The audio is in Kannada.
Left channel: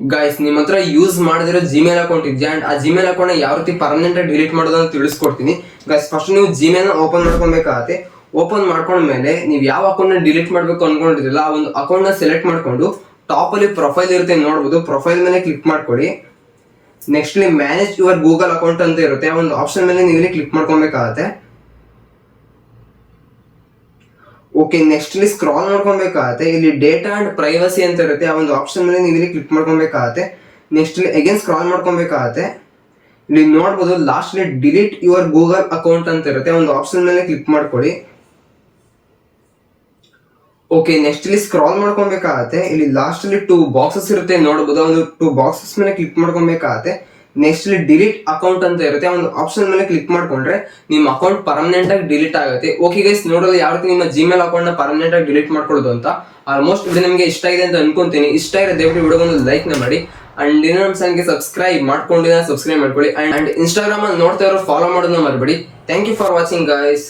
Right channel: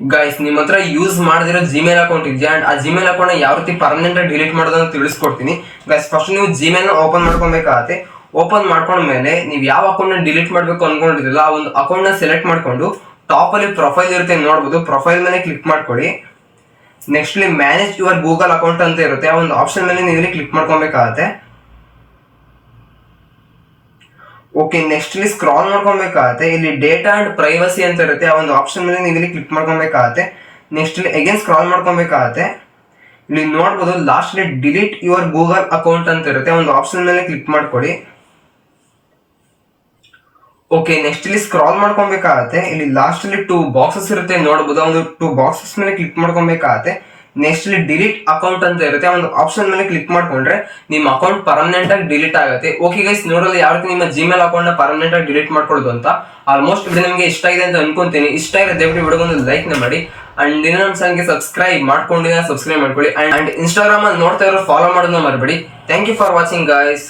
ಗೈಸ್, ನಿಮ್ಮ ಹತ್ರ ಯೂಸ್ ಮಾಡದಿರೋ ಜಿಮೇಲ್ ಅಕೌಂಟ್ ಇದೆಯಾ ಅಂಡ್ ಆ ಜಿಮೇಲ್ ಅಕೌಂಟ್ ಯಾವ ರೀತಿ ಪರ್ಮನೆಂಟ್ ಆಗಿ ಡಿಲೀಟ್ ಮಾಡೋದನ್ನ ತಿಳಿಸ್ಕೊಡ್ತೀನಿ. ಗೈಸ್, ಫಸ್ಟ್ ನೀವು ಜಿಮೇಲ್ ಓಪನ್ ಮಾಡ್ಕೊಬೇಕಾಗತ್ತೆ. ಓಪನ್ ಮಾಡ್ಕೊಂಡ್ಮೇಲೆ ನೀವು ಯಾವ ಅಕೌಂಟ್ ಡಿಲೀಟ್ ಮಾಡಬೇಕು ಅನ್ಕೊಂಡಿದ್ರಲ್ಲ ಆ ಒಂದು ಅಕೌಂಟ್ ನ ಸೆಲೆಕ್ಟ್ ಮಾಡ್ಕೊಂಡು ಟಾಪ್ ಅಲ್ಲಿ ಪ್ರೊಫೈಲ್ ಇರುತ್ತೆ ನೋಡಬಹುದು. ಪ್ರೊಫೈಲ್ ಮೇಲೆ ಕ್ಲಿಕ್ ಮಾಡ್ಕೊಳ್ಳಿ. ನೆಕ್ಸ್ಟ್ ಇಲ್ಲಿ ಮ್ಯಾನೇಜ್ ಯುವರ್ ಗೂಗಲ್ ಅಕೌಂಟ್ ಅಂತ ಇರುತ್ತೆ, ಆ ಒಂದು ಆಪ್ಷನ್ ಮೇಲೆ ನೀವು ಇಲ್ಲಿ ಕ್ಲಿಕ್ ಮಾಡ್ಕೊಬೇಕಾಗತ್ತೆ. ಓಕೆ, ನೆಕ್ಸ್ಟ್ ಇಲ್ಲಿ ಸ್ಕ್ರಾಲ್ ಮಾಡ್ಕೊಬೇಕಾಗತ್ತೆ. ಇಲ್ಲಿ ಡೇಟಾ ಅಂಡ್ ಪ್ರೈವಸಿ ಅಂತ ಇರುತ್ತೆ, ಆ ಒಂದು ಆಪ್ಷನ್ ಮೇಲೆ ನೀವು ಇಲ್ಲಿ ಕ್ಲಿಕ್ ಮಾಡ್ಕೊಬೇಕಾಗತ್ತೆ. ನೆಕ್ಸ್ಟ್ ಇಲ್ಲಿ ಅಗೇನ್ ಸ್ಕ್ರಾಲ್ ಮಾಡ್ಕೊಬೇಕಾಗತ್ತೆ. ಇಲ್ಲಿ ನೋಡ್ಬೋದು ಲಾಸ್ಟ್ ಇಲ್ಲಿ ಡಿಲೀಟ್ ಯುವರ್ ಗೂಗಲ್ ಅಕೌಂಟ್ ಅಂತ ಇರುತ್ತೆ, ಒಂದು ಆಪ್ಷನ್ ಮೇಲೆ ಕ್ಲಿಕ್ ಮಾಡ್ಕೊಳ್ಳಿ. ಓಕೆ, ನೆಕ್ಸ್ಟ್ ಇಲ್ಲಿ ಸ್ಕ್ರಾಲ್ ಮಾಡ್ಕೊಬೇಕಾಗತ್ತೆ. ಇಲ್ಲಿ ಲಾಸ್ಟ್ ಅಲ್ಲಿ 2 ಬಾಕ್ಸಸ್ ಇರುತ್ತೆ ನೋಡಬಹುದು, ಒಂದು 2 ಬಾಕ್ಸಸ್ ಮೇಲೆ ಕ್ಲಿಕ್ ಮಾಡ್ಕೊಬೇಕಾಗತ್ತೆ. ನೆಕ್ಸ್ಟ್ ಇಲ್ಲಿ ಡಿಲೀಟ್ ಅಕೌಂಟ್ ಅಂತ ಇರುತ್ತೆ, ಒಂದು ಆಪ್ಷನ್ ಮೇಲೆ ಕ್ಲಿಕ್ ಮಾಡ್ಕೊಂಡ್ರೆ ನಿಮ್ಮ ಅಕೌಂಟ್ ಪರ್ಮನೆಂಟ್ ಆಗಿ ಡಿಲೀಟ್ ಆಗುತ್ತೆ. ಓಕೆ ಗೈಸ್, ನೋಡೋದು ಯಾವ ರೀತಿ ನಿಮ್ಮ ಜಿಮೇಲ್ ಅಕೌಂಟ್ ನ ಪರ್ಮನೆಂಟ್ ಆಗಿ ಡಿಲೀಟ್ ಮಾಡ್ಕೊಳ್ಳೋದು ಅಂತ. ಆಲ್ಮೋಸ್ಟ್ ಇದು ನಿಮಗೆ ಇಷ್ಟ ಆಗಿದೆ ಅಂತ ಅನ್ಕೊಂತೀನಿ. ಇಷ್ಟ ಇರೋ ದಯವಿಟ್ಟು ವಿಡಿಯೋ ಒಂದು ಲೈಕ್ ನ ಮಾಡಿ ಅಂಡ್ ಇನ್ನೂ ನಮ್ಮ ಚಾನಲ್ಗೆ ಸಬ್ಸ್ಕ್ರೈಬ್ ಮಾಡ್ಕೊಳ್ಳಿ ಅಂಡ್ ಇನ್ಸ್ಟಾಗ್ರಾಮ್ ಅಲ್ಲಿ ನೋಡ್ತಾ ಇರೋ ಫಾಲೋ ಮಾಡೋದನ್ನ ಮರಿಬೇಡಿ. Thank you for watching guys.